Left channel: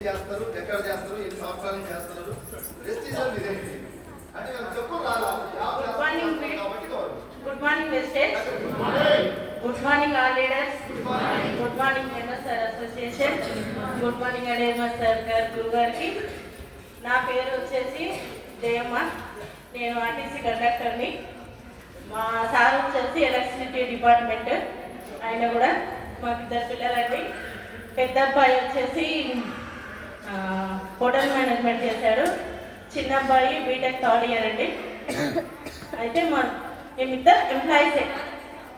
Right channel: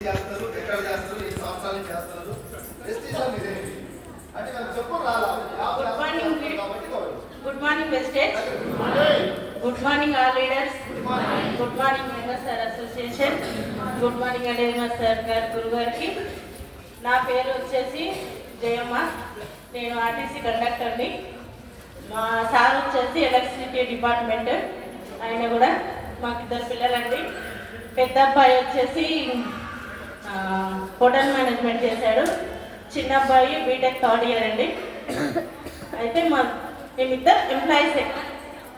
చేస్తారు ఎక్కడ చేస్తారు సంవత్సరాల అంటే చెప్పు. Good morning Vestige good morning all leaders good morning sir association good morning అడేమర్ sir గారు గురువు గారికి నా పేరు వచ్చేసి జయమ్మ. నేను ఆర్టీసీ కండక్టర్ని మా సార్ వచ్చేసి ఎలక్ట్రిసిటీ డిపార్ట్మెంట్ ఆయన కూడా మాకు ఇద్దరు పిల్లలండి. పెద్ద అబ్బాయి వచ్చేసి హోటల్ మేనేజ్మెంట్ చేశాడు. చిన్న అబ్బాయి బీటెక్ థర్డ్ ఇయర్ అండి. అయితే మా మేమిద్దరు ఎంప్లాయీసే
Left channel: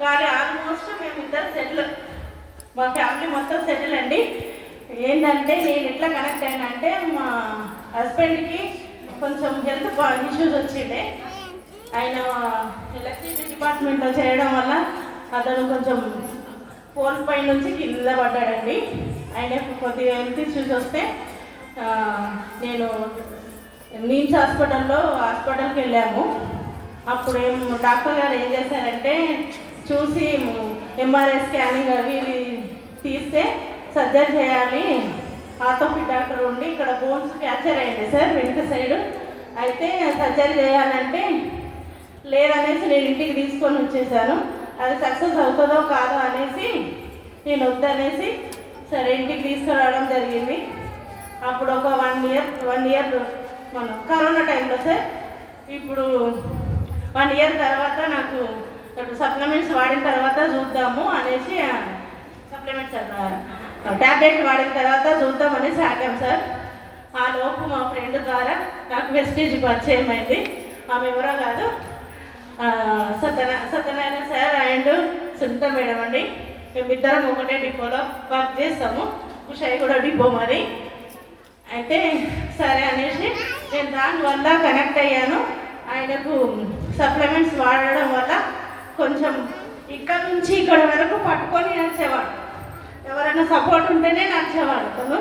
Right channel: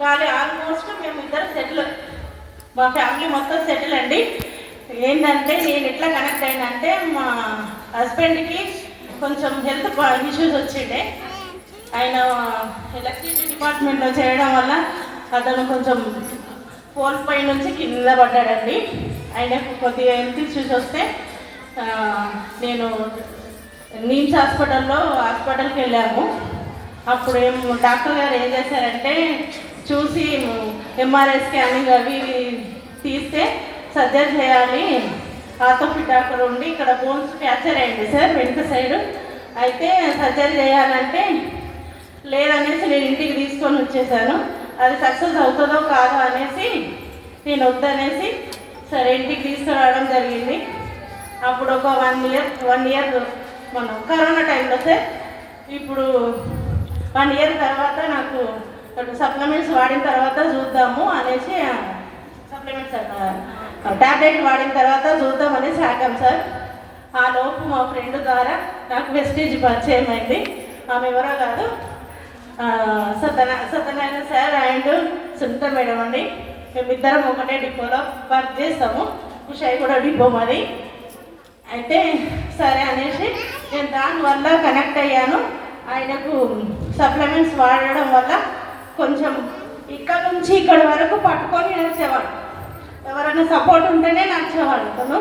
కానీ ఆల్మోస్ట్ మేమిద్దరు సెటిల్ మా ఫ్యామిలీ మొత్తం సెటిల్ అండి. ఏంటంటే నేను ఎట్లా కనెక్ట్ అయినంటే మా హస్బెండ్కి కొంచెం హెల్త్ ఇష్యూస్ వచ్చిండే. ఆయన ఎలక్ట్రిసిటీ డిపార్ట్మెంట్లో చేయడం వల్ల అతను కొంచెం పోల్ పై నుంచి కింద పడ్డాడండి. ఆయన కొద్దిగా హెల్త్ ఇష్యూస్ వస్తే నేను నీమ్స్ హాస్పిటల్లో హాస్పిటల్కి వెళ్ళాము. అప్పుడు ఏం డాక్టర్ గారు ఏం చేశారంటే చూసి ఎంఆర్ఐ స్కానింగ్ అవి ఇవి తీస్తే సర్జరీ చేయాలి. ఆర్థోపిక్ డాక్టర్ ఉండి ఇక్కడ బోన్స్ ఫ్రాక్చర్ అయింది సార్ వెనుక సైడ్. అయితే సర్జరీ చేయాలంటే లేదనేసి నేను ఇంటికి తీసుకొని వచ్చేసాను. అది సక్సెస్ అవుతుందో కాదో అనేసి నేను వద్దనేసి సరే ఇంటికి తీసుకురా అప్పుడు ఒక వన్ ఇయర్ వన్ ఇయర్ మనం కరోనా టైంలో సార్ ఇప్పుడు వన్ ఇయర్ తర్వాత నాకు సప్లిమెంట్స్ వాడిన తర్వాత చూద్దాము అనేసి సప్లిమెంట్స్ టాబ్లెట్ వాడిన తర్వాత చూద్దాం అనేసి ఆగాం సార్. ఆ లోపు మా ఫ్రెండ్ ద్వారా నాకు వెస్టేజ్ పరిచయం అయింది. ఆమె ఎవరో కాదు ఆ, సత్యన Satyanarayana sir and Sunitha madam అండి. మేమిద్దరం ఒకటే డిపోలో వర్క్ చేస్తాము. కుషాయి కూడా డిపో మరి అయితే సరే అనేసి నేను దానివల్ల కనెక్ట్ అయ్యాను. ఆయనకు సప్లిమెంట్స్ వాడడం వల్ల కొంచెం ఇక్కడ నుంచి ఇక్కడ వరకు పట్టుకొని నడిచేవాడు. ఎవరైనా సపోర్ట్ ఉంటేనే నడిచేవాడు అతను.